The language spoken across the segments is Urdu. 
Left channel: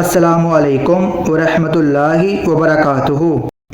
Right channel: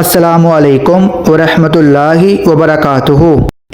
السلام علیکم ورحمۃ اللہ وبرکاتہ۔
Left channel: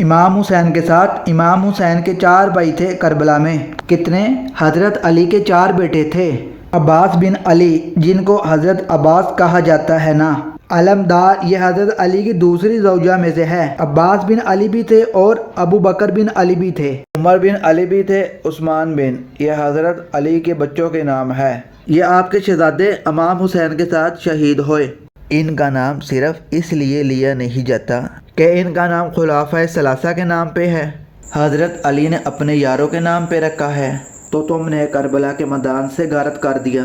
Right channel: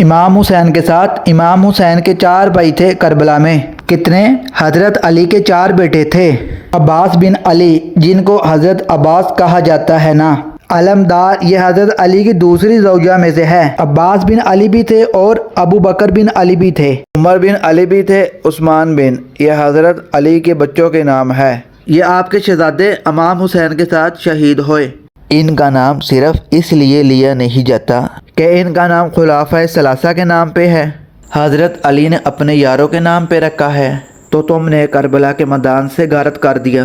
امام حسین کے ساتھ امام حسین کے 4 بھائی تھے کربلا میں۔ کتنے؟ حضرت علی کے 4 بیٹے تھے۔ عباس بن علی، جن کو حضرت عباس کہا جاتا ہے نا، علمدار، یہ حضرت علی کی دوسری زوجہ میں سے ہے۔ عباس بن علی بھی تھے اور ابو بکر بن علی بھی تھے، عمر بن علی بھی تھے، عثمان بن، یہ حضرت علی کے بچوں کے نام ہے۔ یہ آپ کے شہزادے امام حسین کے ساتھ شہید ہوئے۔ ان کا نام صرف اس لیے لیا نہیں جاتا کہ ان کا نام خلفائے ثلاثہ کے نام پہ ہے، حضرت علی نے اپنے یاروں کے نام پہ رکھا ہے، تو تم نے کربلا کے میدان سے غارت کر دیا۔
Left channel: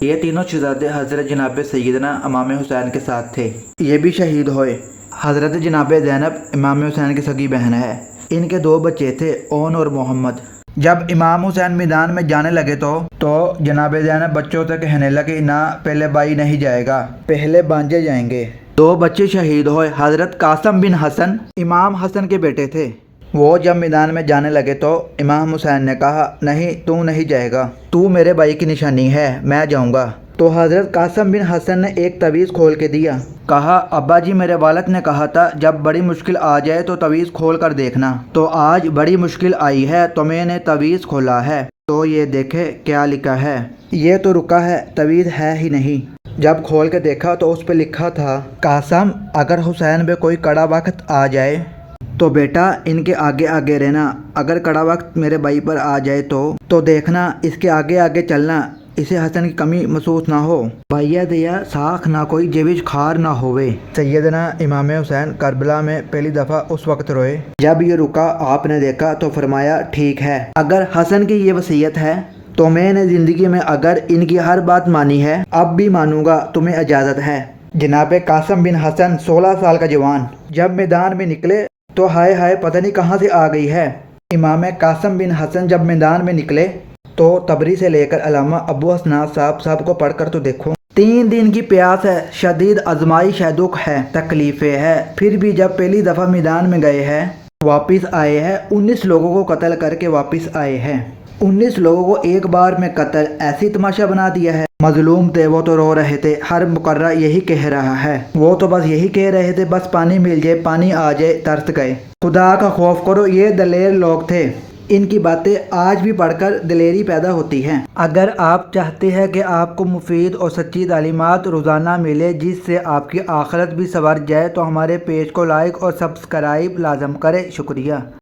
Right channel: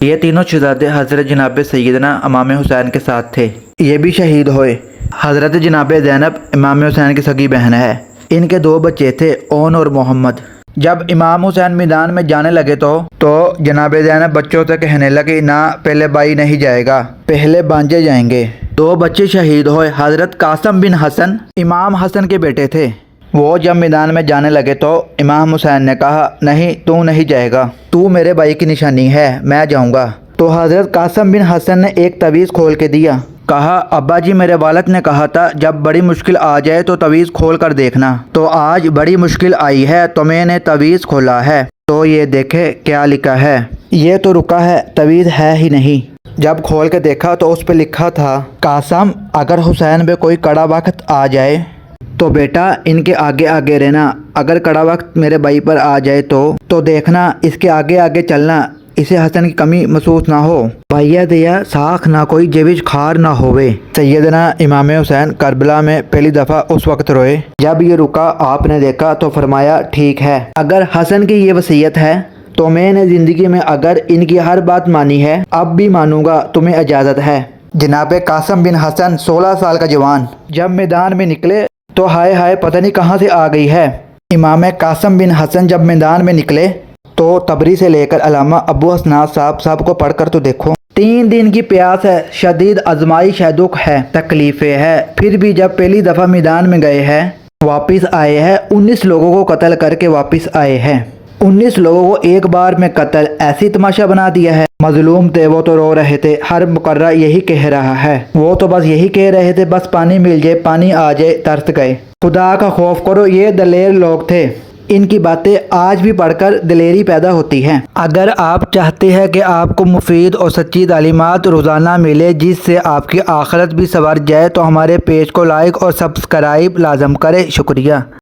یہ تینوں شہزادے حضرت جناب سیدنا امام حسین کے ساتھ تھے، یہ بھی شہید ہوئے۔ حضرت جناب زینب امام حسین کی سگی بہن ہے۔ ان کے 2 بچے تھے، اون اور محمد۔ جب امام حسین میدان میں جانے لگے تو جناب زینب بچوں سے کہنے لگی، نہ، پہلے بھائی نہیں جائے گا، پہلے بانجے جائیں گے۔ 2 بچے شہید ہوئے۔ حضرت قاسم بن حسن امام حسن کے بیٹے تھے۔ وہ جب میدان میں جانے لگے تو امام حسین نے کہا، نہیں، تو نہیں جائے گا، تو میرے بھائی کی نشانی ہے، میں جاؤں گا۔ تو حضرت قاسم بن حسن نے ایک تعویذ کھول کے دیا، کہا، ابا جی، میرے والد نے کہا تھا جب بڑی مشکل آ جائے تو تعویذ کھول کر دیکھنا، تو آج بڑی مشکل آئی ہے تو میں نے تعویذ کھولا ہے، تو یہ دیکھے کیا لکھا ہے۔ یہ تو رکا ہے، تعویذ ہے ہی نہیں۔ جب کھول کے دیکھا تو اس پہ لکھا تھا، قاسم، اگر حسین پہ کوئی کڑا وقت آ جائے تو بیٹا ان کے آگے آگے رہنا، اگر کڑا وقت میرے بھائی پر آ جائے تو دیکھنا اس کے آگے آگے چلنا، اسے حسن کی کمی محسوس نہ ہو، بھیا دیا ساکھ نہ کوئی جیوج خار نہ ہوئے۔ سیدنا امام حسین کربلا میں پہلی دفعہ اس وقت روئے جب یہ رکا، آپ نے دیکھا تو فرمایا، ٹھیک ہے، اگر حسن کی یہ وصیت ہے تو میں نے زندگی میں اگر ان کی ہر بات مانی ہے، اب بھی مانوں گا، تمہیں اجازت ہے۔ جناب قاسم بن حسن 16 سال کا جوان جب میدان میں نکلے تو ہائے ہائے پتہ نہیں کہاں سے آ گئی ہے۔ امام قاسم بن حسن جب میدان میں نکلے تو تبری سے لے کر علامہ ابو حسنات صاحب کو پڑھ کر تو دیکھو، 3 دن کی پیاس ہے، شدید آزمائش ہے، دکھ ہے، تکلیفیں ہے، پھر بھی جب پہلی دفعہ میدان میں گئے ہیں، واپس آئے ہیں، 19 لوگوں کو قتل کر کے واپس آئے ہیں۔ 19 لوگوں کو ایک بار میں قتل، ایسی تماشا بنا دیا ہے۔ مظلوم تھے وہ تو رو رہے تھے، ہر مقررہ یہی کہہ رہا ہے، وہ تو بس یہی کہہ رہے تھے، بس پانی مل جائے، پانی آ جائے، ترس گئے، خدا کا خوف کرو۔ یہ دلیر لوگ تھے، ان کی باتیں آج بھی پڑھ کر دلیری پیدا ہوتی ہے۔ اگر آپ چاہتے ہیں کہ آپ کو مفید اور سچی تعلیمات روزانہ ملے جس سے آپ کی آخرت بھی سنور جائے تو ہمارے پیج کو لائک اور سبسکرائب لازم کریں۔ شکریہ۔